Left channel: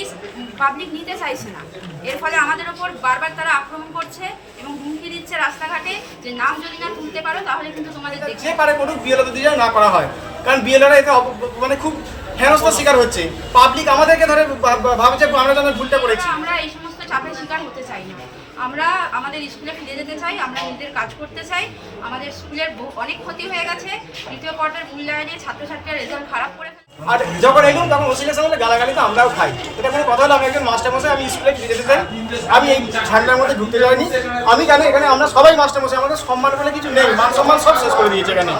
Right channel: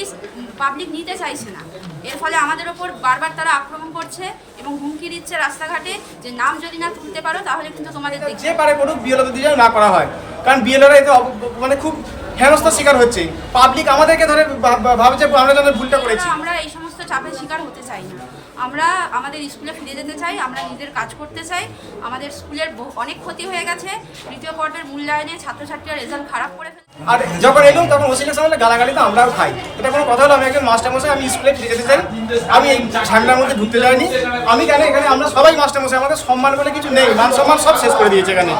Notice public নিতে চাইছে না। এর ফলে আমাদের ওপর বারবার তারা আক্রমণ করছে এবং হুমকি দিচ্ছে রাস্তাঘাটে যে নাম যদি না তুলতে পারো তাহলে কিন্তু তোমাদের যে পারে করুক বিএলওতে দিয়ে না করা হয়। কারণ বিএলওরা এতে মানে খুব হেনস্থার শিকার হচ্ছে। পাবলিক আমাদেরকে ধরে ভা- ভা- ভাবছে আমরা যেন ভুলটা করেছি। আমরা এই সমস্ত চাপের শিকার হতে চাই না। আমরা আমাদের স্কুলে ফিরে যেতে চাই আমরা নিজেদের কাজ করতে চাই। আমাদের স্কুলের বহু- অনেক ক্ষতি হয়ে গেছে। তৃতীয় পর্যায়ের মূল্যায়নে ছাত্রছাত্রীরা রেজাল্ট খারাপ করে আর যখন এলুম তখন ওসি ইলেকশন হলে গালাগালি তো আমরাও খাই। এটা কোনো কথা হলো? আমি একজন মাস্টারমশাই আমি স্কুলে ফিরে যেতে চাই। আমি এই ঝামেলার মধ্যে ঢুকতে যাইনি। আমি কেন এখানে? আমরা সবাই মাস্টারমশাই আমাদের সম্মান বলে কিছু নেই। মান সম্মান সব শেষ করে দিয়েছে এখানে।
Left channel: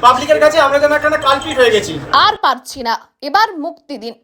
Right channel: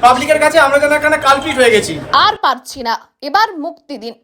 পাবলিকের কাছে আমরা যেন এখানে কালপিট হয়ে গেছি। আর পারছি না। এবার মুক্তি দিন।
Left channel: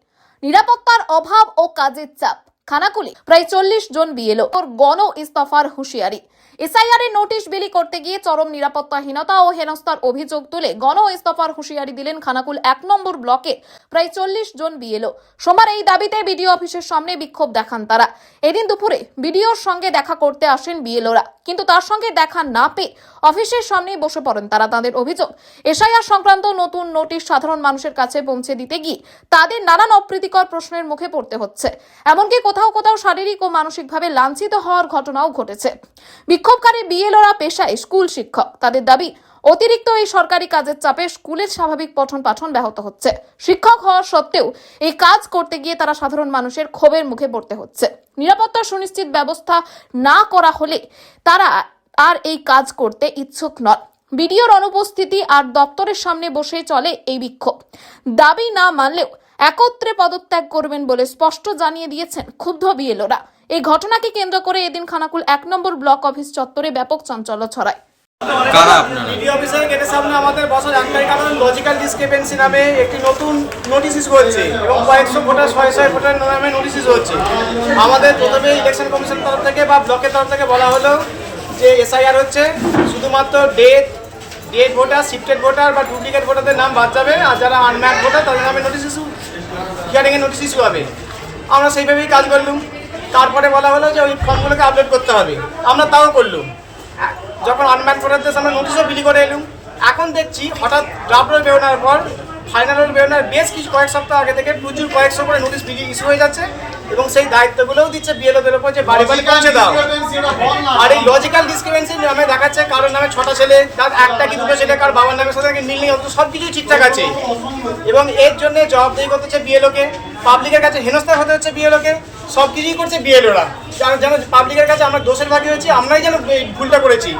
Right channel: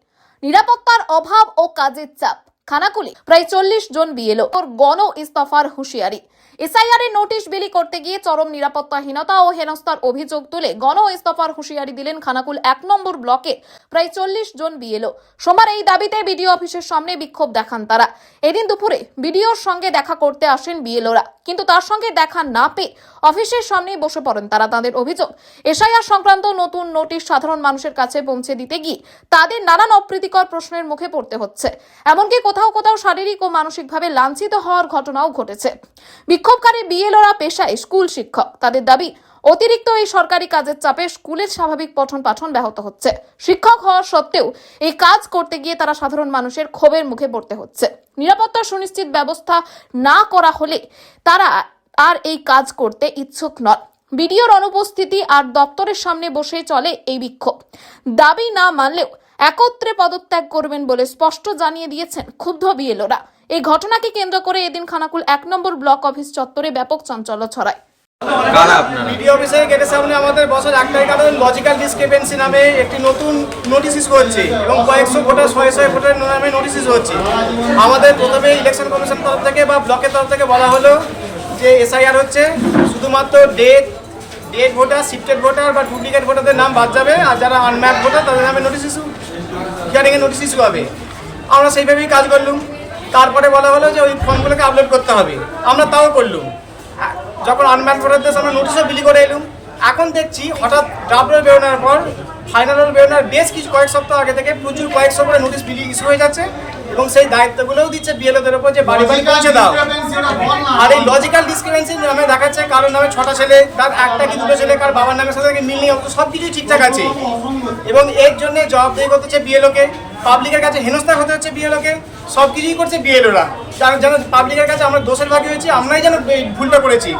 নিরাপত্তার অভাব ও কাজের চাপ। খানাকুলি প্রায় চল্লিশ জন বিএলও ওর গণ ইস্তফার হুঁশিয়ারি। এসআইআর এর নোটিশ বিলি করতে গিয়ে চরম নিরাপত্তাহীনতা ও হেনস্থার অভিযোগ তুলে গণ ইস্তফার হুঁশিয়ারি দিলেন খানাকুল এক নম্বর ব্লকে প্রায় চল্লিশ জন বিএলও। সোমবার এই দাবিতে বিডিও অফিসের সামনে বিক্ষোভ দেখান তারা। এদিন দুপুরে বিডিওর সঙ্গে দেখা করতে আসেন বিএলওরা। কিন্তু তার সঙ্গে দেখা না পেয়ে অফিসের সামনেই বসে পড়েন তারা। তাদের অভিযোগ, এসআইআর সংক্রান্ত নতুন নোটিশ সাধারণ মানুষের কাছে পৌঁছে দিতে গিয়ে তাদের নানান অপ্রীতিকর প্রশ্নের মুখে পড়তে হচ্ছে। এমনকি কোথাও কোথাও কোথাও শারীরিক ও মানসিকভাবে লাঞ্ছিত হওয়ার ঘটনাও ঘটেছে। বিক্ষোভকারী বিএলওরা পেশায় স্কুল শিক্ষক। তাদের দাবি, অতিরিক্ত এই সরকারি কাজের চাপে স্কুলের স্বাভাবিক পঠন পাঠন ব্যাহত হচ্ছে। শিক্ষক হওয়ার সত্ত্বেও এই কাজ করতে গিয়ে তারা সাধারণ মানুষের ক্ষোভের মুখে পড়তে হচ্ছে। নিরাপত্তা সুনিশ্চিত ব্যবস্থা না করা হলে তারা আর এই কাজ করতে ইচ্ছুক নন। বিডিওর অনুপস্থিতি আর দপ্তরের সামনে বসে চলে এই বিক্ষোভ। দাবি না মানলেও একত্রে পদত্যাগ করবেন বলে স্পষ্ট জানিয়ে দিয়েছেন ক্ষুব্ধ বিএলওরা। এই ঘটনাকে কেন্দ্র করে এদিন খানাকুল এক নম্বর ব্লক অফিস চত্বরে ব্যাপক চাঞ্চল্য ছড়ায়। কারা আপনারা? বিডিও অফিসের গেটের সামনে আমাদের বসার একটাই কারণ লজিক্যাল ডিসক্রিপেন্সি নামে একটি নতুন নোটিশ ইস্যু হচ্ছে এবং কয়েকশো ভোটার ছয় ছয় ভোটার নামে নোটিশ ইস্যু হচ্ছে। আমাদের প্রথমে ইলেকশন কমিশন তরফ থেকে বা ব্লকের তরফ থেকে বলা হলো যে এসআইআর হচ্ছে শুধুমাত্র date date voter shifted voter বা ডুপ্লিকেট ভোটারদের নাম বাদ যাবে। আর যারা আনম্যাপ ভোটার তাদের নামে নোটিশ ইস্যু হিয়ারিংয়ে নোটিশ ইস্যু হবে। আমরা সেইভাবেই কাজ করলুম। তারপরে বলা হলো যে ওই ফর্মগুলোকে আপলোড করতে হবে। আমরা তাও করলুম। যখন আনম্যান ভোটারদের আমরা নোটিশও বিলি করে এলুম। এখন দেখছি হঠাৎ ডাবল বেরোনোর পর ফাইনাল রোল বেরোনোর বেশ কিছু কয়েক সপ্তাহ আগে থেকে প্রচুর কয়েকশো করে নোটিশ বিলি ইস্যু হয়ে যাচ্ছে। এবং সেই দায়িত্বগুলোও দিচ্ছে বিএলওদের উপর যে বাড়ি বাড়ি পৌঁছে দাও। আর এই লজিক্যাল ডিসক্রিপেন্সি নামে দেখাচ্ছে কারোর নামে ছটা ছেলে, তার একটা কি দুটো ছেলে, কার বাবার নামের সাথে মিল নেই সব কিছুই ঠিকঠাক আছে। এবং এর জন্য জবাবদেহি করতে হচ্ছে বিএলওকে পাবলিকের কাছে হেনস্থা হতে হচ্ছে বিএলওকে সব কিছুই করছে বিএলওরা। যেন যেন পাবলিকের কাছে আমরা দোষের ভাগী হয়েছি, আমরাই যেন ভুলটা করেছি।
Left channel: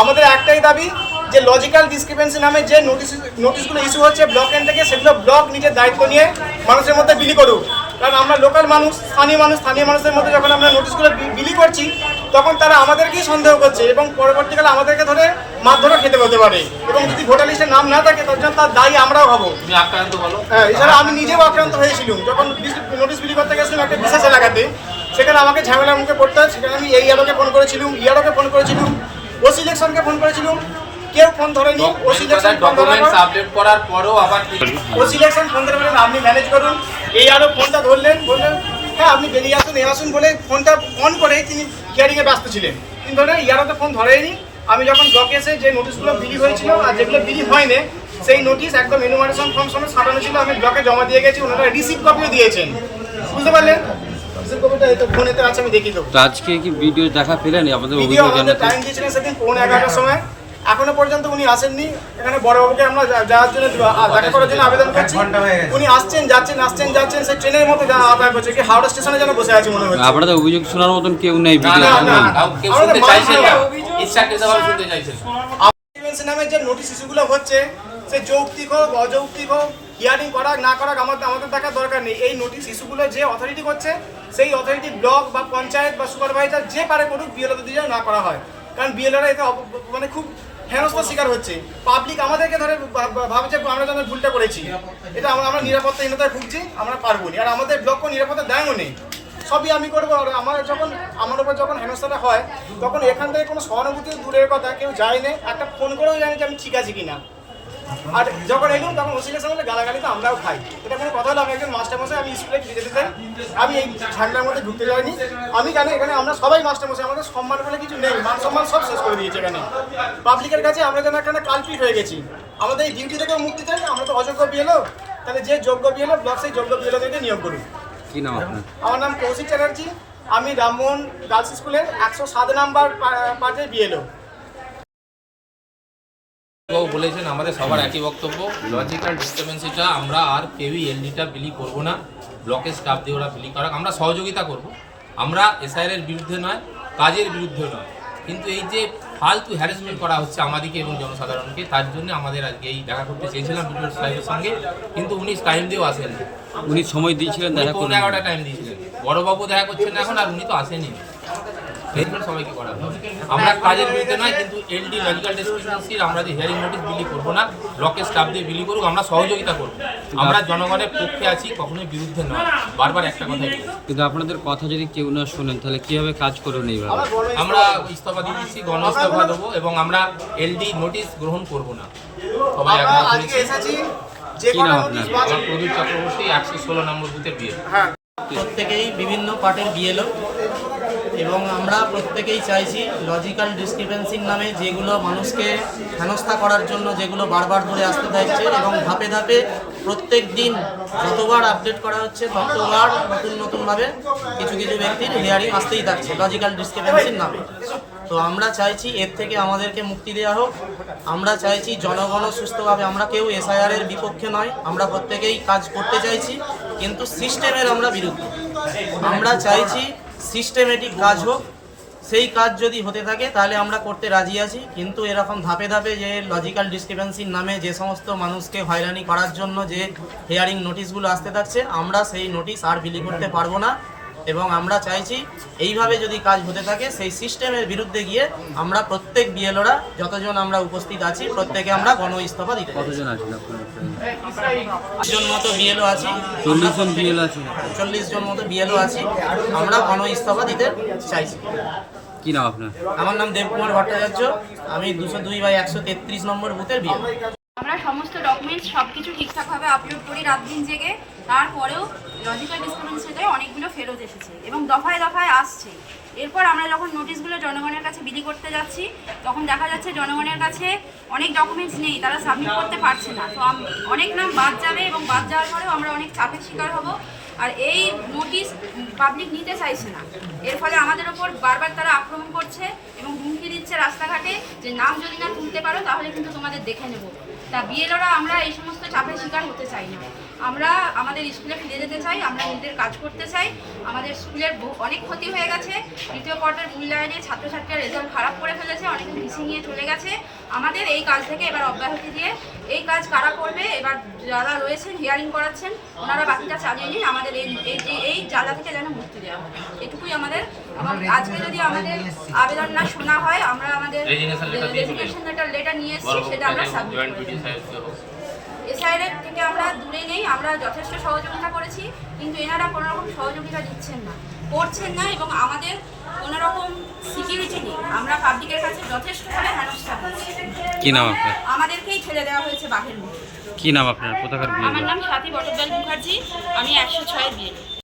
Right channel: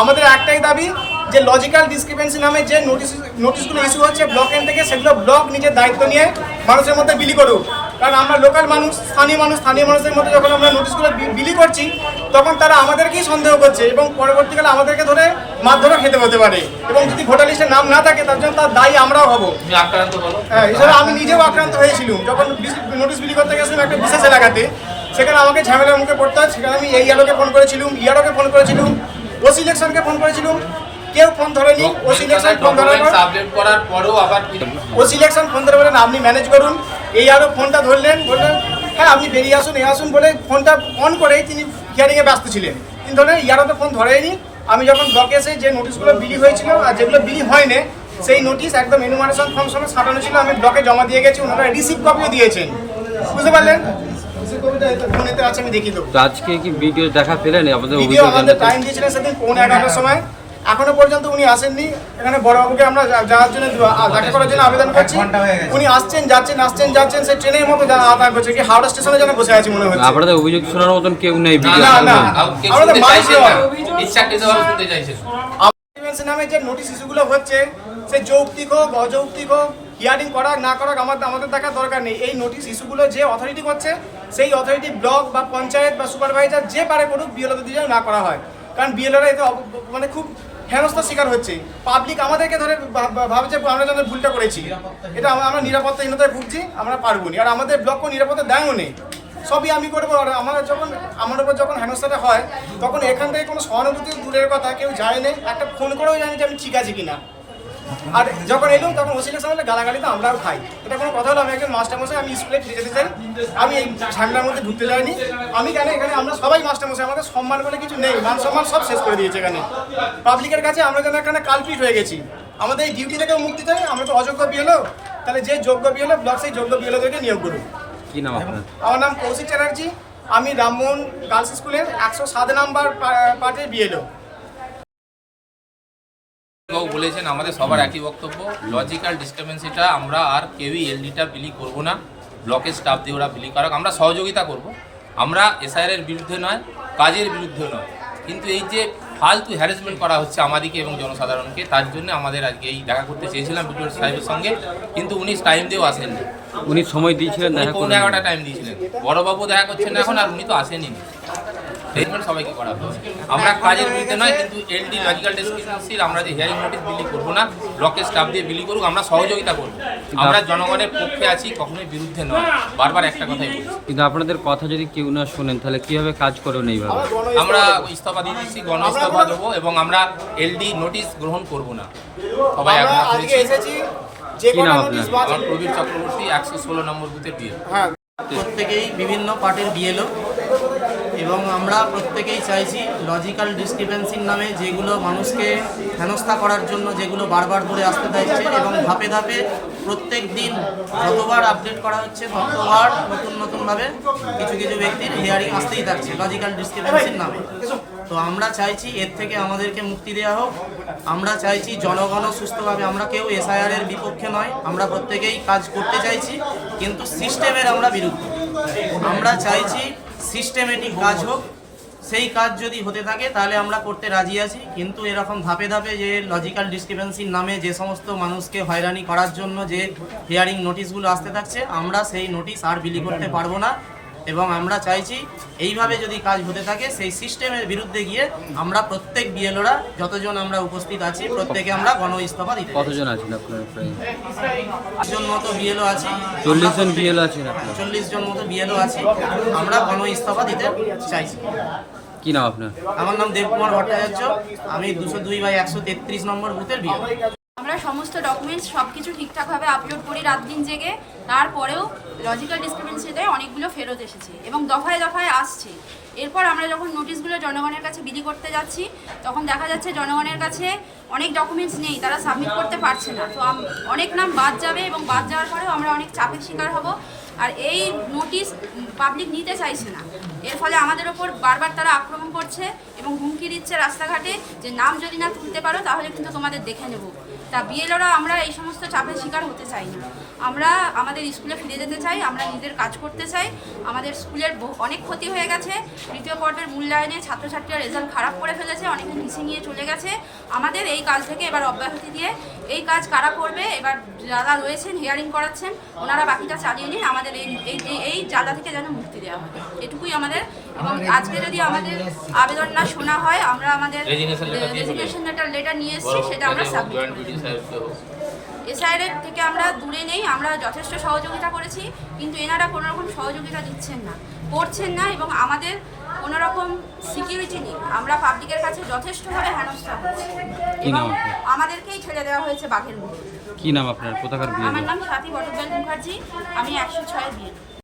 আমাদের একটাই দাবি যে লজিক্যাল ডিসক্রিপেন্সি নামে যে নোটিশ নোটিশগুলো ইস্যু হচ্ছে ব্লক এন্ড থেকে, সেগুলো ব্লক নিজের দায়িত্ব নিয়ে মানুষের মধ্যে বিলি করুক। কারণ আমরা লোকাল মানুষ স্থানীয় মানুষ স্থানীয় মানুষের মধ্যে যখন আমরা নোটিশগুলো বিলি করছি তখন তারা আমাদেরকেই সন্দেহ করছে এবং পরবর্তীকালে আমাদেরকে ধরে মারধরও খেতে হতে পারে। এবং যদি ভোটার লিস্টে নাম না থাকে তার জন্য তার দায়ী আমরাও হব। হ্যাঁ এছাড়া আমি নিজেও আক্রান্ত হয়েছিলাম। যখন নোটিশ বিলি করতে গেছিলাম একটা বিশেষ এলাকাতে সেখানে আমাকে ঝামেলার মুখে পড়তে হয়। সেখানে আমি এই ইয়ারোকে ফোন করেছিলাম ইয়ারোকে ফোন করেছিলাম ওসি ইলেকশনকে ফোন করেছিলাম। কেউ ফোন ধরেনি ওসি ইলেকশন ফোন ধরার পর আপডেট করার পরেও আবার ও সিলেকশন ফোন ধরে বলেন আপনি ম্যানেজ করুন। এই আরও ফোনটা ধরলেন বললেন হ্যাঁ আপনি বেরিয়ে আসুন এ আসুন বলে ফোনটা অন করেই তিনি হিয়ারিংয়ে ব্যস্ত ছিলেন। তিনি ধরলেন ইয়ারও তো ফোন ধরেনি আমি যখন ব্লকে এসে যে নোটিশগুলো বিলি হয়েছিল আর যেগুলো বিলি হয়নি সেই নোটিশ একদম এনুমারেশন ফর্ম সময় সাঁটানো ছিল। আমি ব্লকে জমা দিয়ে গেছি ওনারা রিসিভ কপিও দিয়েছেন। বুঝতে পারলেন? রিসিভ কপিটা এই ফোনেতে আছে আমি দেখিয়ে দেবো। তো আজকে কি ভিডিও দেখা পেলেন আমাদের অভিযোগ জানাতে টাইম দিয়েছিলেন সেদিন পৌনে এগারোটার সময়। এখনও পর্যন্ত উনি আসেননি। এখানে বড়বাবুকে আমরা যাওয়ার জন্য দেখা করার জন্য আবেদন করছি। উনি আসছেন যাচ্ছেন আসছেন যাচ্ছেন সে ট্রেনের মতো যা- যাতায়াত করছে কি হাওড়া স্টেশনে যেন বসে আছে মনে হচ্ছে। আপনাদের অভিযোগ শোনার মতন কেউ নেই ভিডিও না না আমরা মানুষ নামে যে নোটিশ ইস্যুগুলো হচ্ছে সে যৌক্তিক হোক অযৌক্তিক হোক হিয়ারিং করা না করা আমাদের আমাদের দেখার দরকার নেই। এই নোটিশ ইস্যুগুলো যে অথরিটি করছে সেই অথরিটি ব্লক বা পঞ্চায়েত বা সুপারভাইজার যে পারে করুক বিএলওতে দিয়ে না করা হয়। কারণ বিএলওরা এতে মানে খুব হেনস্থার শিকার হচ্ছে। পাবলিক আমাদেরকে ধরে ভাবছে, আমরা যেন ভুলটা করেছি। এটা আমরা আমরা নিরাপত্তাহীনতায় ভুগছি, আমরা পারব না আর আমাদের ব্লকও নিরাপত্তা দেয়ও নেই। সবই আমি করব। আর আমার যখন, আমার উপর যখন হেনস্থাটা হয়, তখন এখান থেকে কোনো সহানুভূতি দূরের কথা কেউ যায় না। একটা ফোন করেও জানি যে আমি ঠিক আছি কিনা। আর যখন এলুম তখন ওসি ইলেকশন হলে গালাগালি তো আমরাও খাই। এটা কোনো কথা হলো? আমি একজন মাস্টারমশাই আমি স্কুলে ফিরে যেতে চাই। আমি এই ঝামেলার মধ্যে ঢুকতে যাইনি। আমি কেন এখানে? আমরা সবাই মাস্টারমশাই আমাদের সম্মান বলে কিছু নেই। মান সম্মান সব শেষ করে দিয়েছে এখানে। পাবলিকের কাছে আমরা যেন এখানে কালপিট হয়ে গেছি। আমাদের এই ডিউটি থেকেও মুক্তি চাই আমরা তো অযোগ্য বিয়েলো তাহলে যে যোগ্য বিয়েলো ব্লক সেই যোগ্য বিয়েলোদেরকে নিয়োগ করুক। কি নাম আপনার? আমার নাম কৌশিক চ্যাটার্জি। আমি রামমোহন গার্লস স্কুলের একশো সাত নাম্বার পার্টে বিএলও বাবু বলেছেন আমাদের সবার একই বক্তব্য। লজিক্যাল ডিস্টারবেন্সিটা আমরা আর কেউই এলডিটা বিলি করব না। ব্লকের স্টাফ দিয়ে ওরা বিলি করাক। আমরা সহযোগিতা করব। আমরা এসআইআর এর বিরুদ্ধে নয় কাজের বিরুদ্ধে নয়। কিন্তু এই যে ফালতু হ্যারাসমেন্ট করা হচ্ছে আমাদেরকে এবং জনসাধারণকে তার জন্য আমাদের আজকে এই দেখা করতে চেয়েছিলাম বিডিও সাহেবের সঙ্গে। কিন্তু উনি টাইম দিয়েও আসেননি। উনি সময় দিয়েছিলেন দেখা এগারোটা টাইম দিয়েছিলেন। বড়বাবু দেখা করছেন এখন আর উনি তো আসেনি ট্রিটমেন্ট সবাইকে করা আমরা কাজের বিরুদ্ধে নয় কিন্তু এলডি লজিক্যাল ডিসক্রিপেন্সির আমরা যে হিয়ারিং নোটিশ বিলি করব না ব্লকের স্টাফ দিয়ে বিলি করুক আমরা সহযোগিতা করব। আমরা জনগণের পক্ষে আছি কখনোই বিরুদ্ধে নয়। বারবার একটা কথাই বলছি। কিন্তু আপনাদের কথা যদি কেউ না শোনেন তাহলে কীভাবে কাজ করবেন এইভাবে? আমরা ইস্তফা দিয়ে দিচ্ছি গণ ইস্তফা দেবো এবং আমরা এলডি নোটিশ গ্রহণ করব না। সবাই একমত হয়েছে। কি নাম আপনার? আমার প্রবীর চক্রবর্তী একশো ষোলো নম্বর বুথের বিয়ে হ্যাঁ। প্রত্যেকেই বিভিন্ন পার্টের বিএলও এবং আমরা প্রত্যেকেই চাইছি লজিক্যাল ডিসক্রিপেন্সির নামে যেগুলো মানুষকে হেনস্থা করার জন্য যেগুলো বারবার ধরে আসতে থাকছে এবং ধাপে ধাপে প্রত্যেক দিন যতবার আপডেট করা হচ্ছে, ততবার নতুন নতুনভাবে কিছু কিছু ব্যক্তির হিয়ারিং আসতেই থাকছে লজিক্যাল ডিসক্রিপেন্সির নামে। তো আমরা চাইছি এর থেকে আমাদেরকে মুক্তি দেওয়া হোক। আমরা চাইছি জনগণও সুস্থভাবে, আমরা কেউ এসআইআর এর বিপক্ষে নয়, আমরা প্রত্যেকেই কাজ করতে চাইছি, কিন্তু সিস্টেমের আমরা বিরুদ্ধে। আমরা চাইছি সিস্টেমেটিক কাজ হোক, সেই কাজ যদি হতে থাকে, তাহলে আমরা করতে রাজি আছি। কিন্তু এরকম ধাপে ধাপে যে লজিক্যাল ডিসক্রিপেন্সির নামে যে সমস্ত মানুষকে হয়রানি করার জন্য যে হিয়ারিং নোটিশগুলো আসতে থাকছে, আমরা সেই নোটিশ আর বিলি করতে পারব না। এবং আমরা চাইছি এইভাবে যদি কাজ হতে থাকে সেই সিস্টেমের বিরুদ্ধে গিয়ে আমরা প্রত্যেক বিএলওরা যতজন আমরা উপস্থিত আছি প্রত্যেকে আমরা গণ ইস্তফা দিতে কতজন আছেন আপনারা জন মতো বিএলও আছি। চল্লিশ জন আমরা প্রত্যেক- বিএল আছেন চল্লিশ জন মতো বিএলও আছি। আমরা গণ ইস্তফা দিতে চাইছি। কি নাম আপনার? আমার নাম দেবকুমার ভট্টাচার্য। আমি দুশো দুই বাই একশো তেত্রিশ নম্বর বুথের বিএল আমরা সমস্ত ডকুমেন্টস সব কিছু ঠিকঠাকভাবে আপলোড করি রাত দিন জেগে। তারপরেও লজিক্যাল ডিসক্রিপেন্সিতে অনেকগুলো ফেরত এসেছে এবং দফায় দফায় আসছে। এরপর আমরা যখন নোটিশগুলো জনগণের কাছে বিলি করতে যাচ্ছি, তখন দেখা যাচ্ছে জনগণের কাছে অনেক ডকুমেন্টস নেই, তারা সাবমিট করতে পারছে না। তো অনেক নাম বাদ যাবে এবং বাদ যাওয়ার পরেও আমরা অনেক চাপের শিকার হব। আর এই নোটিশ পাবলিক নিতে চাইছে না। এর ফলে আমাদের ওপর বারবার তারা আক্রমণ করছে এবং হুমকি দিচ্ছে রাস্তাঘাটে যে, নাম যদি না তুলতে পারো, তাহলে কিন্তু তোমাদের দেখে নেব। তা বিএলওরা আমরা এই সমস্ত চাপের শিকার হতে চাই না। আমরা আমাদের স্কুলে ফিরে যেতে চাই, আমরা নিজেদের কাজ করতে চাই। আমাদের স্কুলের অনেক ক্ষতি হয়ে গেছে। তৃতীয় পর্বের মূল্যায়নে ছাত্রছাত্রীরা রেজাল্ট খারাপ করে ফেলেছে, অনেকে মিসিং নিয়ে চলে গেছে। আমাদের এই কাজ থেকে এবার অব্যাহতি দিয়ে এই কাজ কারা করবে? এবার যারা রয়েছেন হিয়ারিং করাচ্ছেন ওনারা বাকিটা চালিয়ে নিন। আমাদের এই এই জ্বালা থেকে যেন মুক্তি দেওয়া হয়। এটুকুই আমাদের। এবং আজকে যদি আমাদের আবেদন না শোনা হয় আমরা আমাদের রেজিগনেশন লেটার লেটার নিয়ে এসেছি সেটা আমরা সাবমিট করে দেবো। সাহেবকে থেকে আমরা দূরে নেই আমরা যথেষ্ট সহযোগিতা করেছি কিন্তু এনারা কোনো রকম সহযোগিতা দিচ্ছেন না করছেন না এবং আমাদের কোনো রকম সিকিউরিটি নেই। আমরা পাবলিকের কাছে যথেষ্টভাবে হেনস্থা করছি। কি নাম আপনার? আমাদেরকেই ছেড়ে দেওয়া হয়েছে বাঘের মুখে কি নাম আপনার? কোথাকার আমার নাম সাথী বটব্যাল মুখার্জি আমি একশো ছয় বিয়ে